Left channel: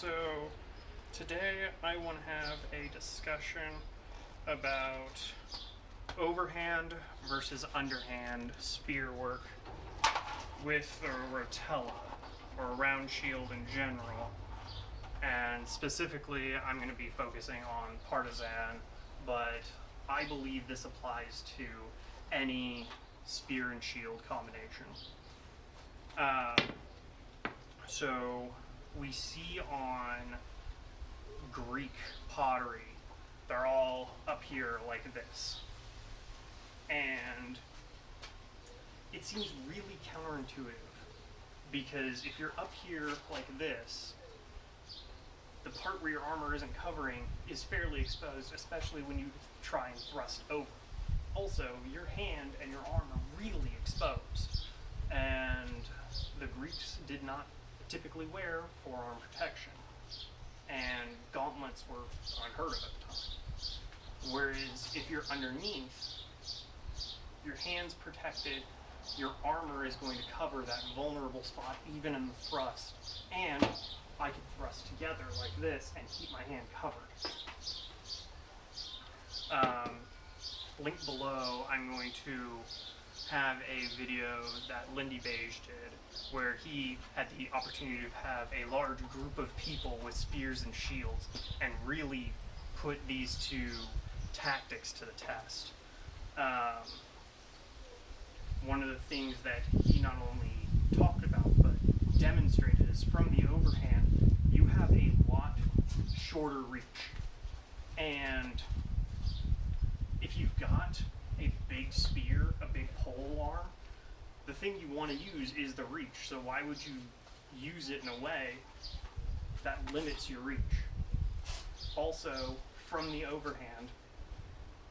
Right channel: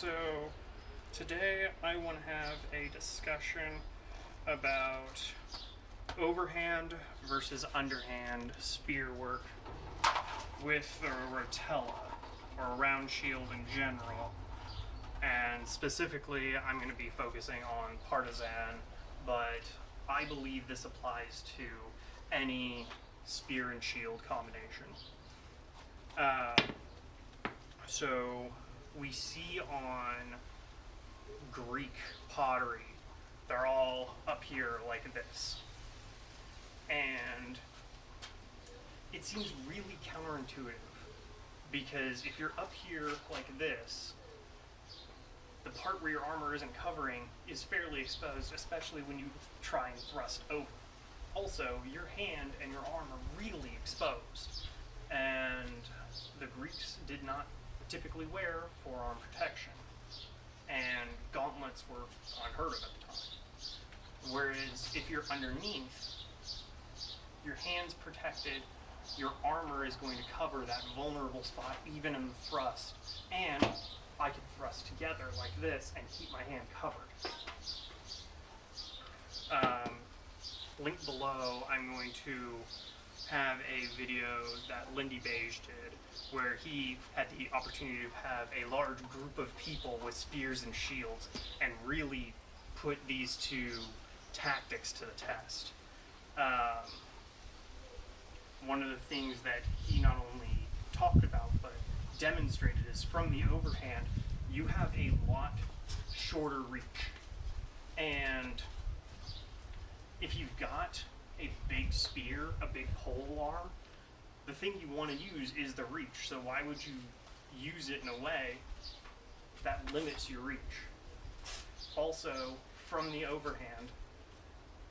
So today I want to have a discussion about overhand versus underhand spear work with the rotella or round shield in general. And specifically, I'm going to be focusing on partisan, but I believe this applies to any spear and shield combination. So we see on Greek pottery, they're all up here like this. And it seems really counterintuitive because if you're up here like this, the part where your armor isn't covering is fairly exposed, especially when you try and thrust over. Also, your hand and your arm are really exposed, and the Greeks did not typically wear forearm protection, and gauntlets were unheard of at the time. Whereas if you're underneath, your hand's protected, your armor is going to cover that vulnerable spot even in the thrust, and I can thrust together like this and keep my hand covered. Link below, I'm going to have a video that Lindy Beige did where he had the opportunity to have a large group of people with spears and shields and really put these two tactics to the test. One of the things that he not only talked about but demonstrated is from the overhand, you have a lot shorter reach. And if you've got a big spear, a big pole arm, the thing you want to use is the reach. So why would you use it in a way that limits your reach? Also, from the overhand,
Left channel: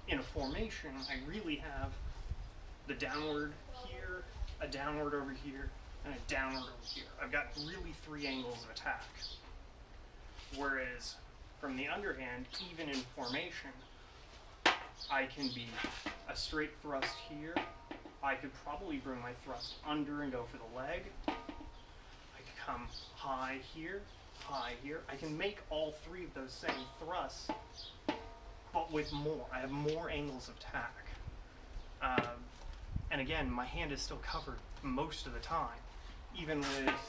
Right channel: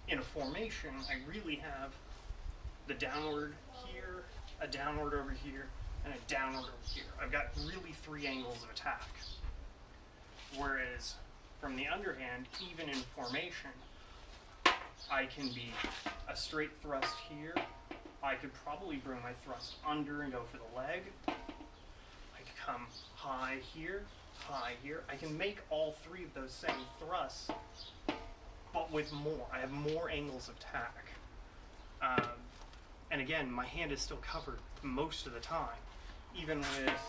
in a formation, I really have the downward here, a downward over here, and a downward over here. I've got really three angles of attack. Whereas from the underhand, even in formation, I can be a straight thrust here. I could probably bring my thrust under and go for the leg. I could come high here, high here. I can make all three of those same thrusts, but with more. I have more angles of attack. And again, my hand is still covered most of the time. Even with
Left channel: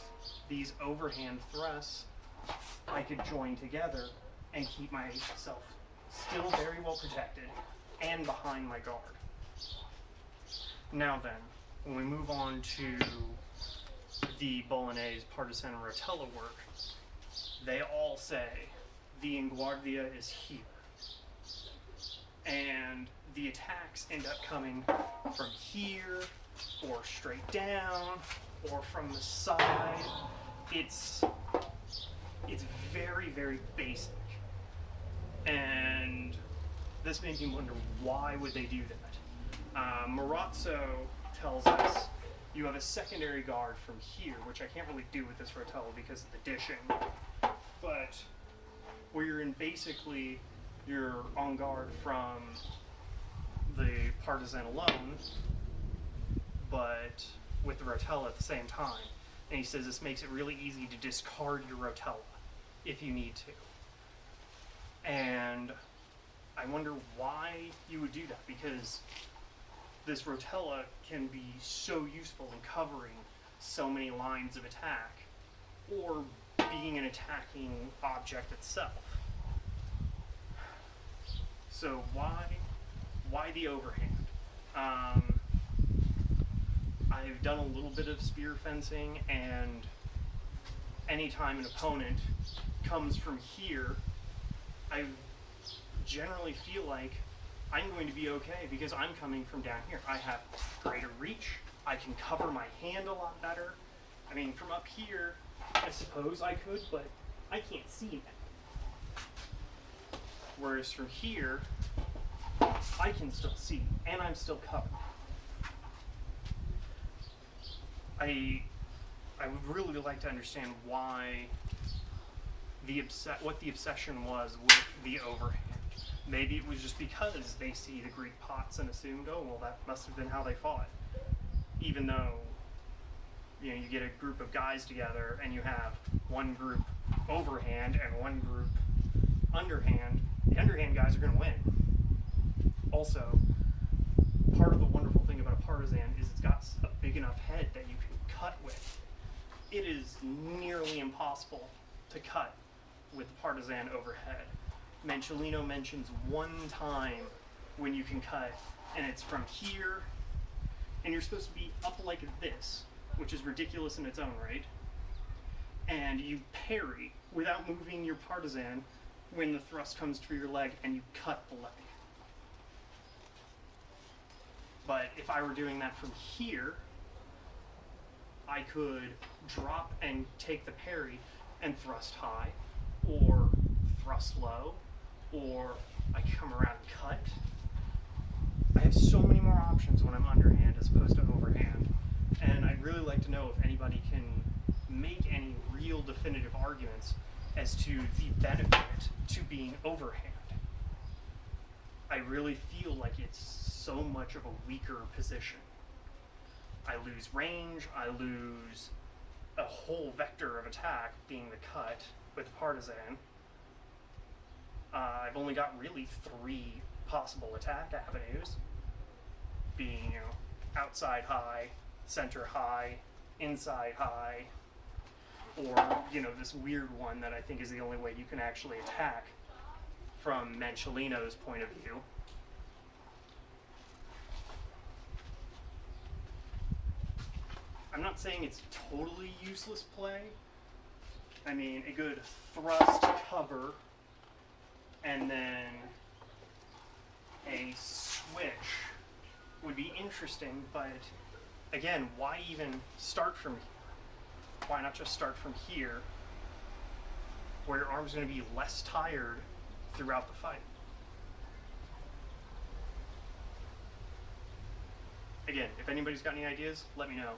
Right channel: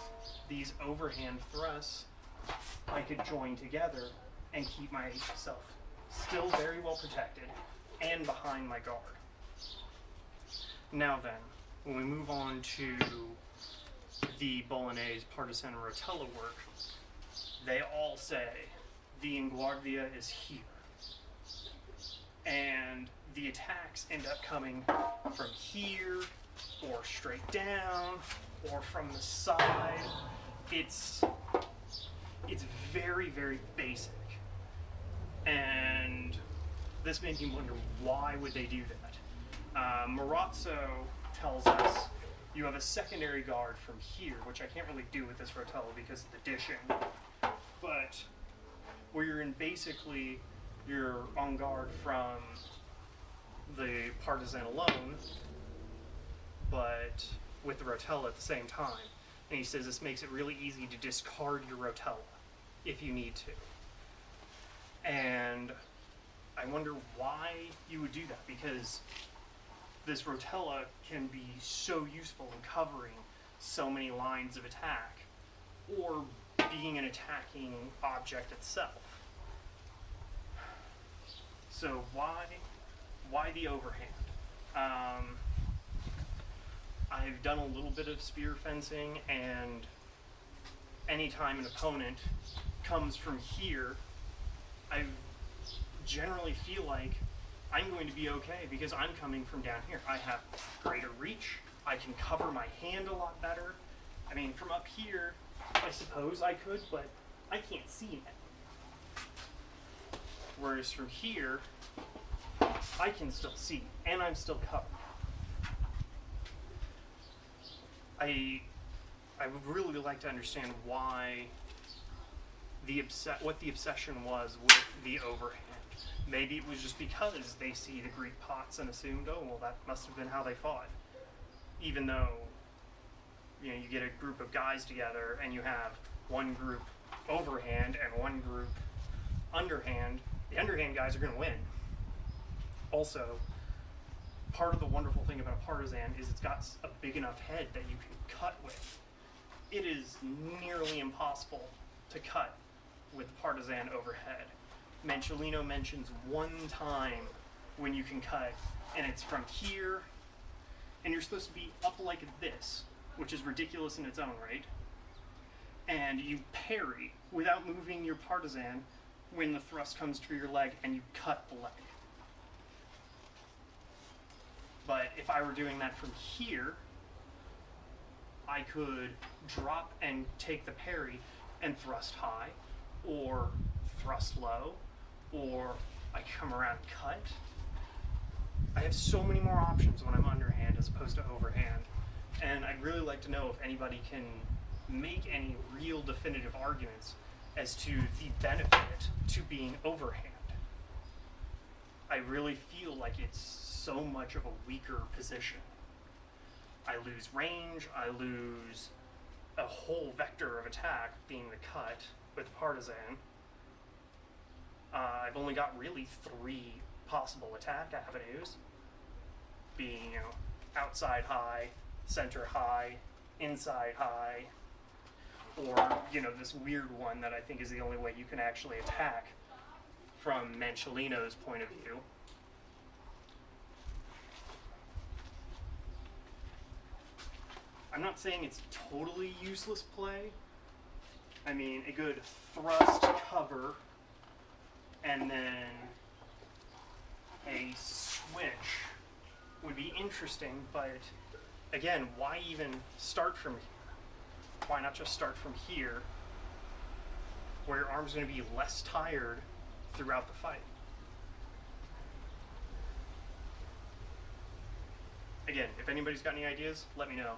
these overhand thrusts, I could join together and keep myself still very well protected and behind my guard. Now then, when we move on to the Bolognese, partisan, and rotella work, they all say the inguardia is here. And the attacks end up coming from here, or straight down, or from the side. It's very, very basic. And this made me wonder, why would they do that? Marazzo tells us you have a secondary guard from here, which I can't really do with this rotella because of the dishing. But where you're in basically, you're on guard from the partisan alone, but with the rotella at the same time. And he says this makes it really easy to discard your rotella if you need to. And I wonder why you would do that, because this rotella can be so useful in covering so many lines of attack or being an attacking object itself. So why the overhand? I've done a little bit of spear fencing, and anytime an opponent comes from here, I generally feel like I'm going to be okay because I'm coming from down here. I have greater reach. I can cover my hand a lot better. I mean, from up here, I suppose I could, but I can't see now. Whereas from here, I can still see, and I'm still covered. I would really like to understand why what the obsession was with the overhand. Maybe it was just because they see the Greek pots and assumed, oh, well, that must have been how they fought. Even though, you get a group of guys together and you have one group overhand and one group underhand, the underhand guys are going to win. Also, part of the wonderful thing about a partisan is it's got a big enough head that you can cut with. It is nearly impossible to cut with partisan overhead. Mancellino mentions one time when you can cut, and it's from here, and you're supposed to be up like this, which is ridiculous in its own right, and you parry without moving your partisan when the thrust comes through your leg, and you cut the leg. But if I were doing that from here, I could drop and take the parry and thrust high, or thrust low, or I come around and cut. I have so many more options when I'm underhand as opposed to overhand. And I'd really like to know if anybody can make any real definitive arguments as to the benefit to being overhand. I really feel like it's so much of a weaker position. I lose range, I lose a whole vector of attack being the cut with partisan. I've only got really 3 possible attack avenues, being, outside high, center high, inside high, or, this weird one that I think is the only way you can actually attack from Mancellino's point of view. I'm not saying it's totally useless play. I mean, a good thrust cover and then a switch would be interesting, but again, why even start from here? Why not just start from here, where your arm's going to be less tired throughout the fight? Again, if anybody's got any ideas, let me know.